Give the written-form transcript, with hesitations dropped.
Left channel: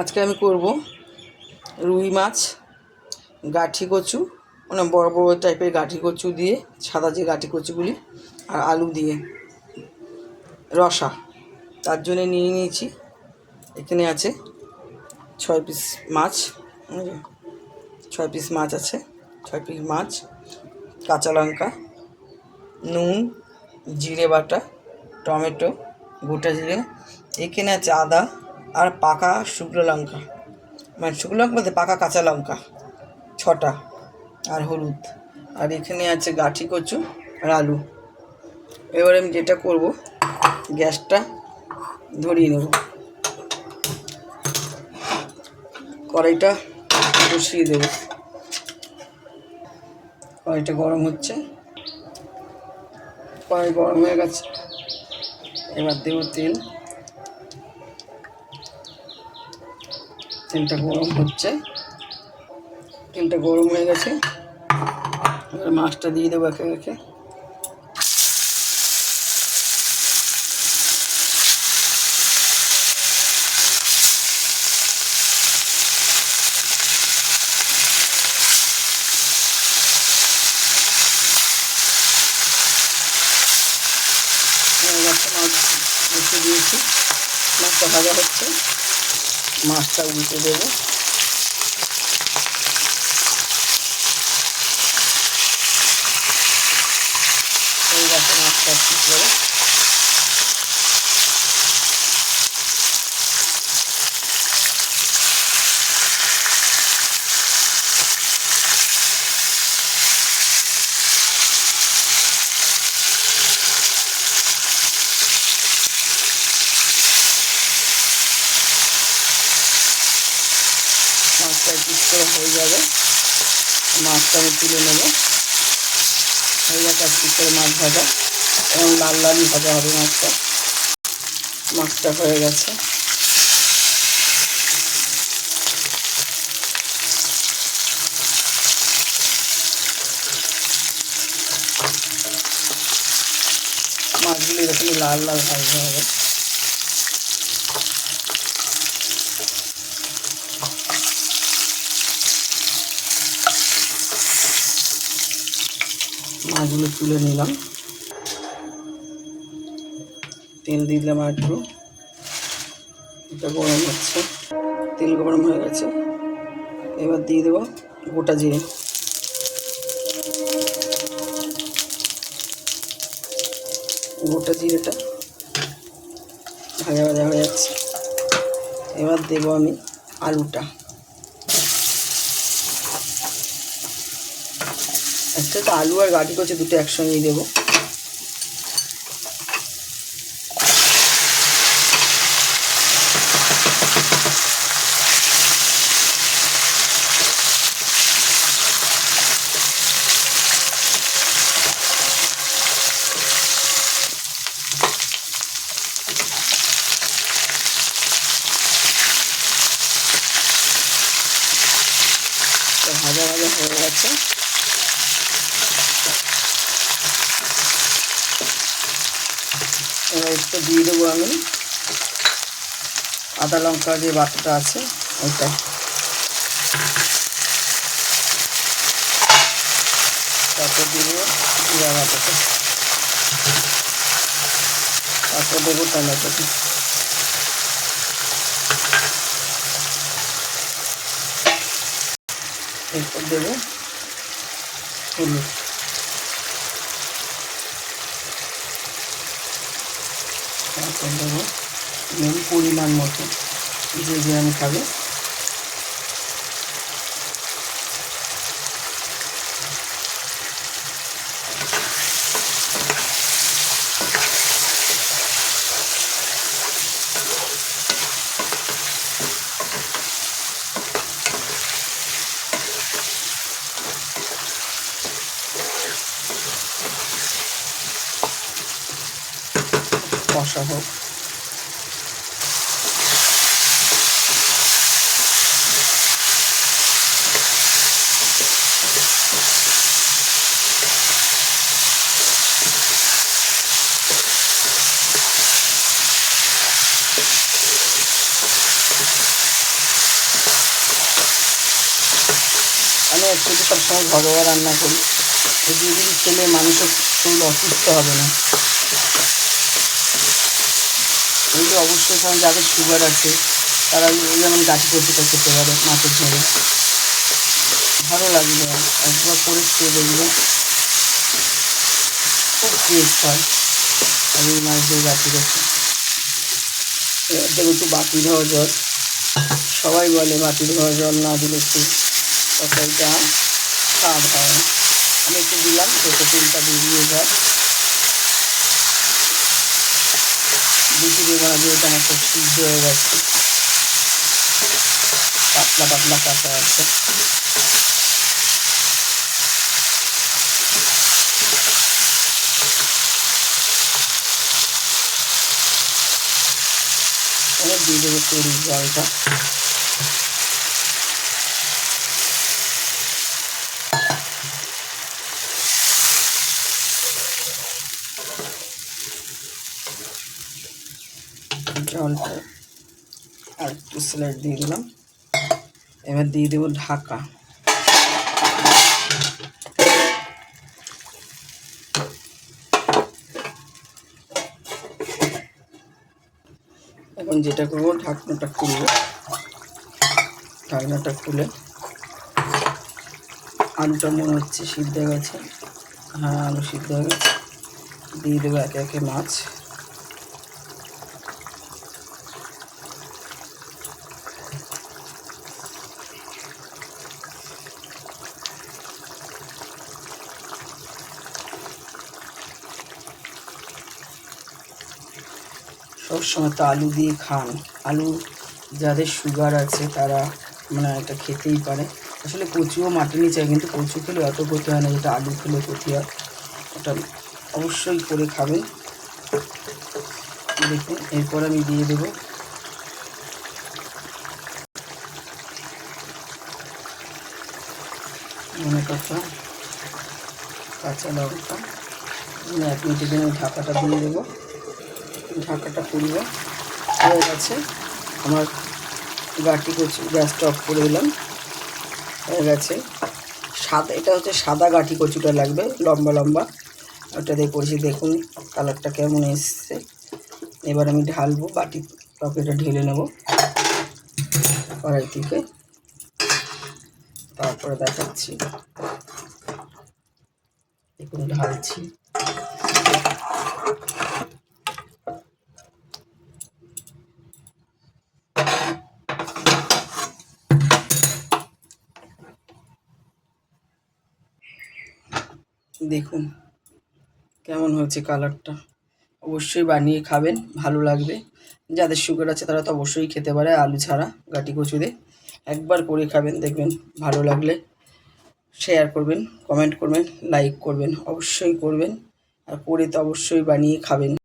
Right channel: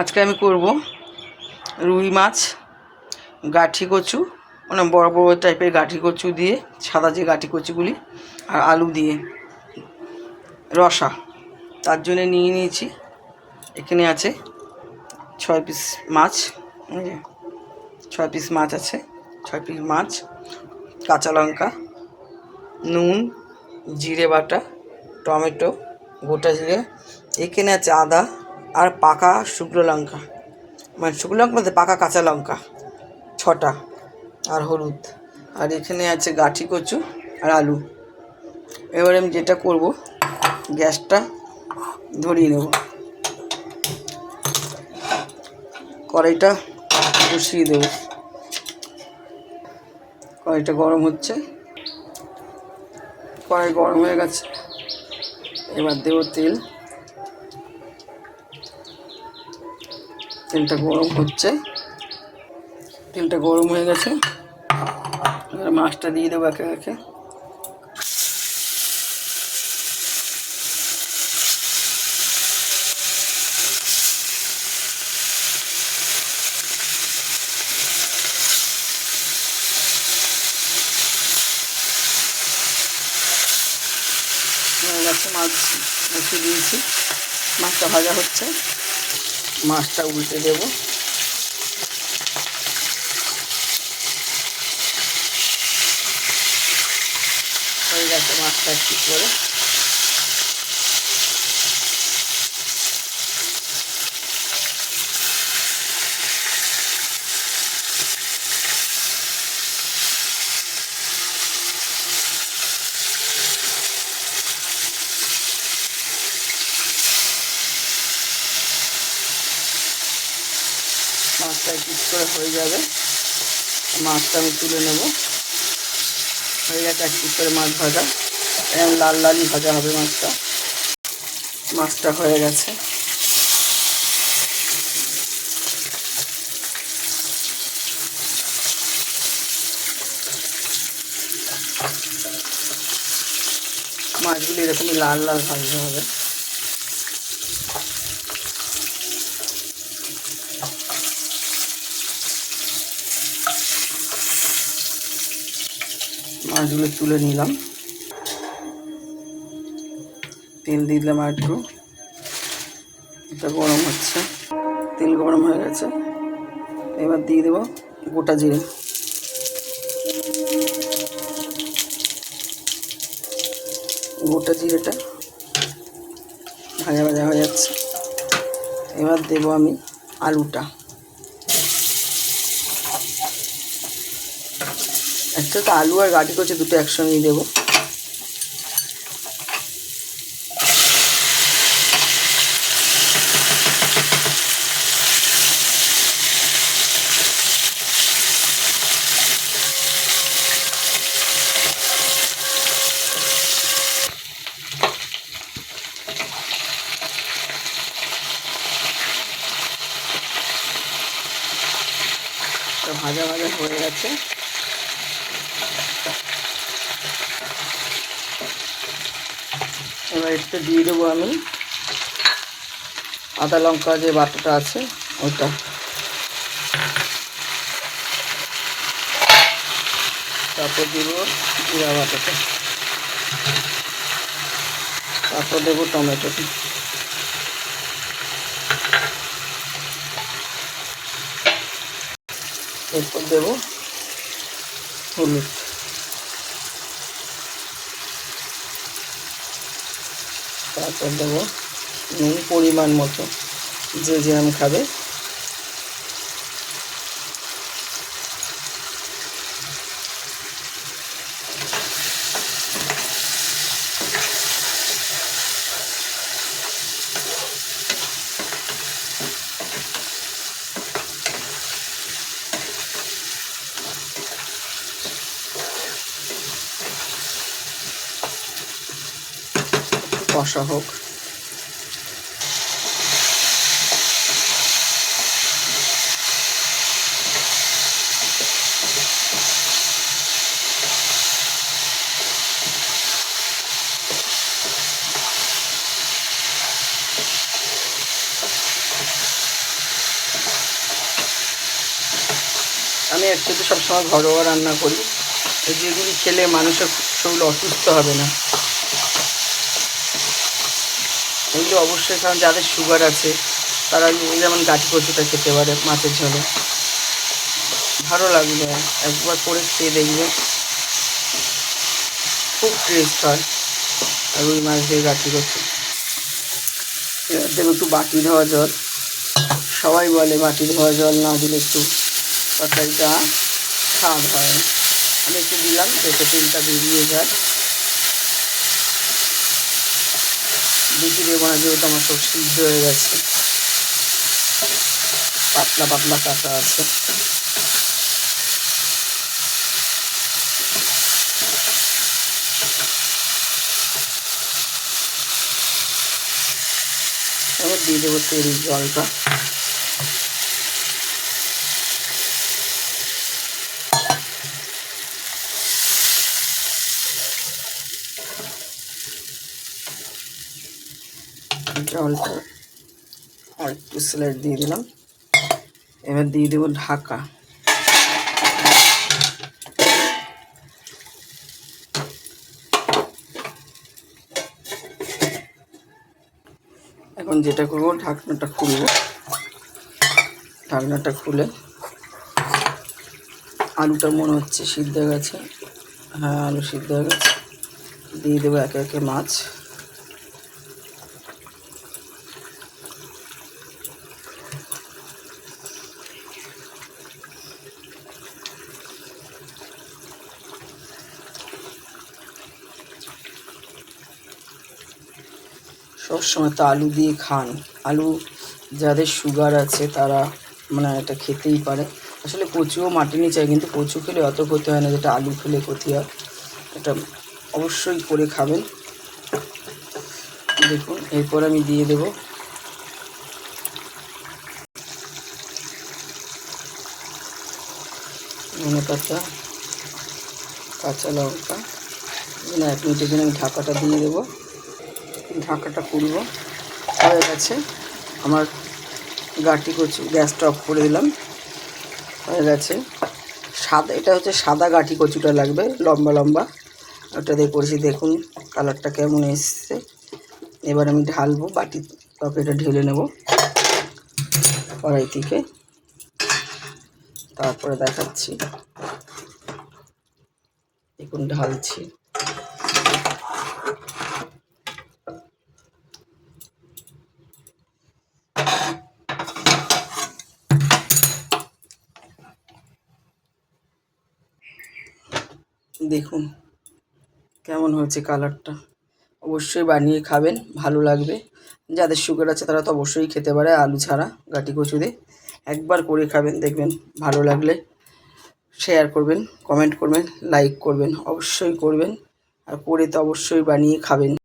আজকে আমি করব রুই মাছ, গাঠি কচু, মানে বড় বড় টাইপের গাঠি কচু দিয়ে, সাদা যে গাঠি কচুগুলি, আর আলু দিয়ে রসা। তার জন্য নিয়ে নিয়েছি, এখানে আছে 6 পিস মাছ, 6 পিস মাছ আছে, 6 পিস মাছ, কাঁচা লঙ্কা, নুন, জিরে বাটা, টমেটো, গোটা জিরে, এখানে আছে আদা আর পাকা শুকনো লঙ্কা, মানে শুকনো লঙ্কা বলতে পাকা কাঁচা লঙ্কা 6টা, আর হলুদ, আর এখানে আছে গাঠি কচু আর আলু। এবারে আমি যেটা করব, গ্যাসটা ধরিয়ে নেব, কড়াইটা বসিয়ে দেব, কড়াইটা গরম হচ্ছে, কড়াই গরম হয়ে গেছে, এবার দেব তেল, তেলটা গরম হচ্ছে, তেলটা গরম হয়ে গেছে, এবার মাছটা দিয়ে দেবো একে একে। মাছ বসে দিয়েছি, মাছটা ভাজা হচ্ছে, মাছটা উল্টে দেব, হয়ে গেছে মাছটা একটু করে। মাছটা একটু করে হয়ে যাবে, মাছটা আমি তুলে নেব, হয়ে গেছে এক পিস করে মাছ ভাজা, এরকম লাল লালই ভাজা হবে মাছটা। মাছটা হয়ে গেছে, মাছগুলো এরকমই লাল লাল ভাজতে হবে। মাছগুলো তুলে নিলাম, তেল দিয়ে দিলাম আর একটু, এটা গরম হচ্ছে, তেল গরম হয়ে গেছে, এবার দিয়ে দেবো গোটা জিরে, গোটা জিরেটা ভাজা ভাজা হয়ে যাচ্ছে, এবার দেবো আমি আলুটা, একটা তো আলু আর গাঠি কচু দুটো একসঙ্গেই দেবো। ভাজা ভাজা হয়ে গেছে, এবার একটু দিয়ে দেবো আমি আদা লঙ্কা যে বাটাটা আছে ওটা, তারপর দেবো জিরা বাটাটা, তারপর দেবো টমেটোটা, এরপর দেবো হলুদ, তারপর দেবো নুন পরিমাণ মতো, যে যেরকম খাবে। কষা হোক, আমি একটু সবসময় ঘরোয়া রান্না করি, যেগুলি খেলে মানুষের শরীর অসুস্থ হবে না। এগুলো অবশ্যই, কারণ যাদের সুগার আছে তারা যেমন গাঠি কচুটা খেতে পারে মাছের ঝোলে, ভালো লাগবে। একবার করে খেয়ে দেখবে, খুব টেস্ট হয় রুই মাছ দিয়ে গাঠি কচু। এবার দেবো একটু বাটি ধোয়া জল। সবাই বলে বাটি ধোয়া জল না দিলে একটু তরকারিটা স্বাদ হয়। আমি একটু দিলাম যাতে তেলটা বেরিয়ে যায়। বেশি দেবো না, যেহেতু আমার সব সিদ্ধ হয়ে গেছে, পাতলা পাতলা কাটা আছে। এবার দিয়ে দেবো তেল জলটা। জলটা আর একটু স্লাইড দিয়ে দিলাম। এবার দিয়ে দেবো ঢাকা। এখন যেটা করবো, ঢাকনাটা খুলবো। ঢাকনাটা খুলে আলুটা মনে হচ্ছে সিদ্ধ হয়ে গেছে। হ্যাঁ, আলু সিদ্ধ হয়ে গেছে। দিয়ে দেবো একে একে মাছ। সবসময় তো আলু দিয়ে খান। আলু যাদের সুগার আছে তারা মানে এটা খেতেই পারে। আসলে কচুও মাটিনি চাই, কিন্তু কচু খেলে অত ক্ষতি হয় না যেটা আলু খেলে ক্ষতি হয়। এটা অবশ্যই করে খাবেন। দেখুন, এরপর আমি দিয়ে দেবো ধনে পাতা, কাঁচা লঙ্কা। 1 মিনিটের জন্য আমি ঢাকাটা দিয়ে দেবো। ঢাকাটা খুলব। হয়ে গেছে আমার গাঠি কচু। গ্যাসটা অফ করে দিলাম। হয়ে গেছে। সাদা, এটা হচ্ছে সাদা গাঠি কচুটা লাগবে, লম্বা লম্বা। ওটা দিয়ে করেছি। দেখুন কালারটা কেমন এসছে। এবার আমি ঢালবো, বাটি টকেটা ঢেলে নেব কড়াই থেকে, তারপরে দেখাচ্ছি। দেখুন ঢালছি। দেখুন কেমন হয়েছে কালারটা। অবশ্যই বানিয়ে খাবেন, ভালো লাগবে। যাদের সুগার আছে তারা তো অবশ্যই খেতে পারে আলু ছাড়া গাঠি কচু দিয়ে। একবার করে খাবেন, দেখবেন ভালো লাগলে শেয়ার করবেন, কমেন্ট করবেন, লাইক করবেন, অবশ্যই করবেন। আর করে তো অবশ্যই বানিয়ে খাবেন।